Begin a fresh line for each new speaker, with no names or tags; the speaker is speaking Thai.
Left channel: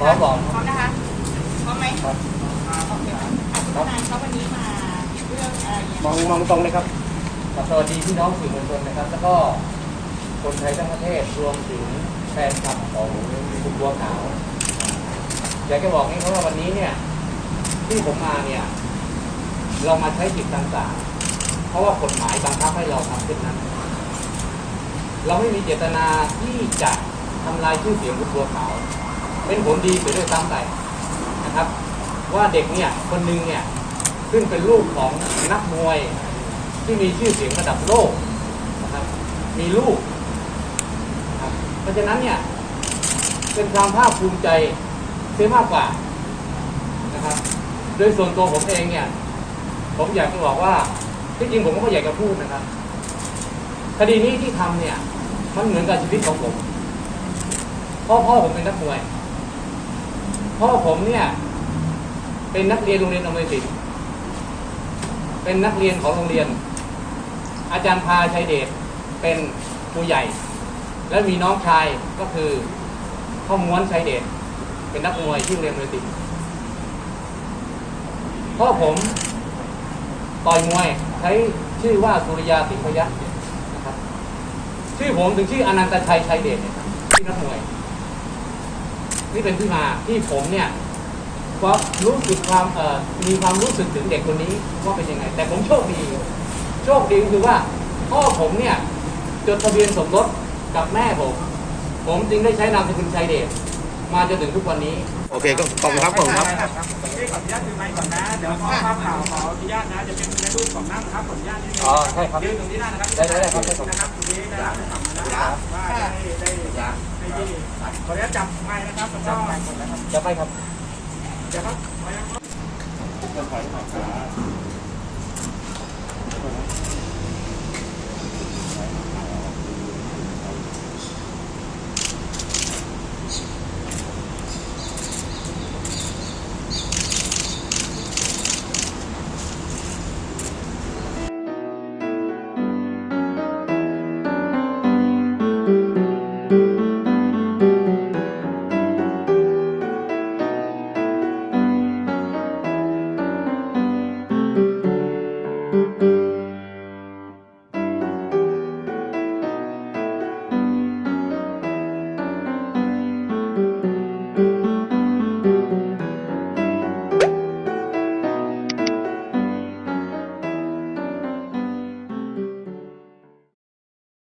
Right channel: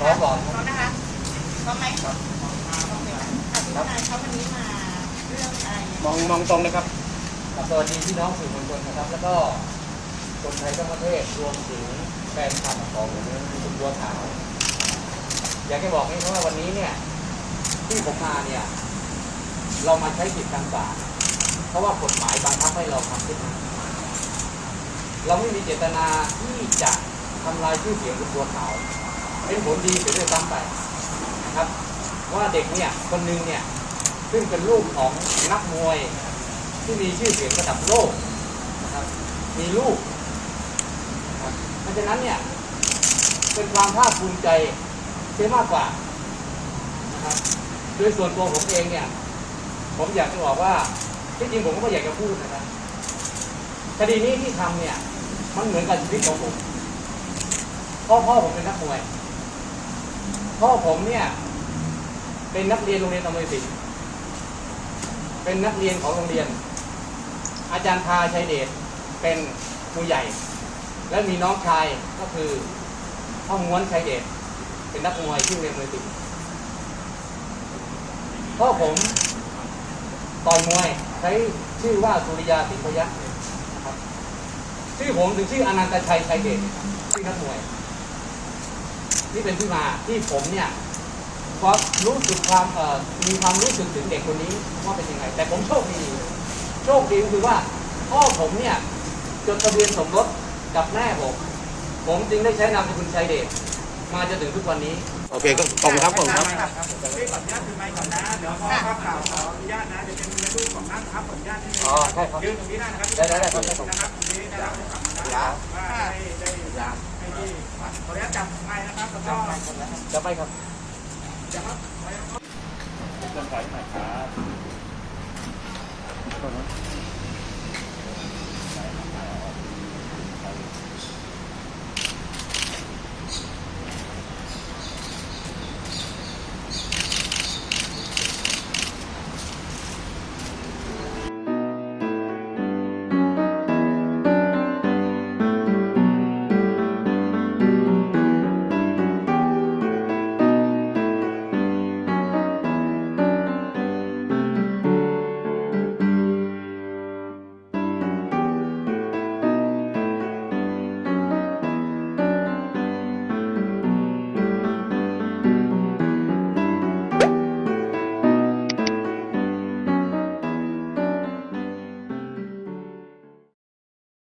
พร้อมบอก
พร้อมนะคะพร้อมไหมโอเคค่ะอธิบายเขาวันนี้มาเรื่องอะไรเนี่ย
มองมองตรงเลยครับสวัสดีพี่น้องสื่อมวลชนนะครับ แล้วก็คนไทยทั้งประเทศรวมถึงแฟนคลับของคุณบัวขาว อยากจะบอกให้เขาว่าวันนี้เนี่ย ที่ผมมาเนี่ย เรามาใช้สิทธิทางศาลเพราะว่ากฎหมายบังคับให้เราทำเช่นนั้น เราไม่มีเจตนาที่จะทำลายชื่อเสียงคุณบัวขาว เป็นผลดีเสียด้วยซ้ำไปนะครับ ว่าเด็กเนี่ยคนหนึ่งเนี่ยซึ่งเป็นลูกของนักมวยที่มีชื่อเสียงระดับโลกนะครับมีลูกนะครับเพราะฉะนั้นเนี่ยเป็นความภาคภูมิใจเสียมากกว่านะครับโดยส่วนตัวผมเองเนี่ยผมอยากจะบอกว่าที่จริงผมก็อยากจะพูดนะครับคดีนี้ที่ทำเนี่ย มันเหมือนกับชีวิตของผมพ่อพ่อผมเป็นนักมวย พ่อผมเนี่ย เป็นนักเรียนโรงเรียนอมริสินเป็นนักเรียนของโรงเรียน อาจารย์พาชัยเดชเป็นครูใหญ่ และมีน้องชายก็คือพ่อม้วนชัยเดชเป็นนักมวยที่โรงเรียนอเมริสินพ่อผมต่อยมวยใช้ชื่อว่าสุริยาสิงพยัคฆ์นะชื่อผมถึงชื่ออนันตชัยชัยเดชที่นักมวย นี่เป็นที่มาที่ผมเนี่ยความรู้สึกความเอ่อมีความรู้สึกถึงเด็กคนนี้ว่าเป็นยังไง แต่ผมโชคดี โชคดีคือว่าพ่อผมเนี่ยจดทะเบียนสมรสกับแม่ผม ผมจึงได้ใช้นามสกุลชัยเดชมาจนถึงทุกวันนี้ โอเคก็ขอบคุณครับขอบคุณครับ
พี่ขออนุญาตถือไมค์ก่อนนะ เดี๋ยวพอภาพข่าวขออนุญาตนะจะเป็นในรูปของนั่งครับขออนุญาตนิดนึง
อ๋อใช่ครับ
ยืนตรงนี้ได้นะครับ
ได้ได้ได้ครับได้ครับ
นะครับตรงนี้ได้รับคำสั่งนะครับว่าได้ได้ได้ที่ขออนุญาตจับ
จะไปครับ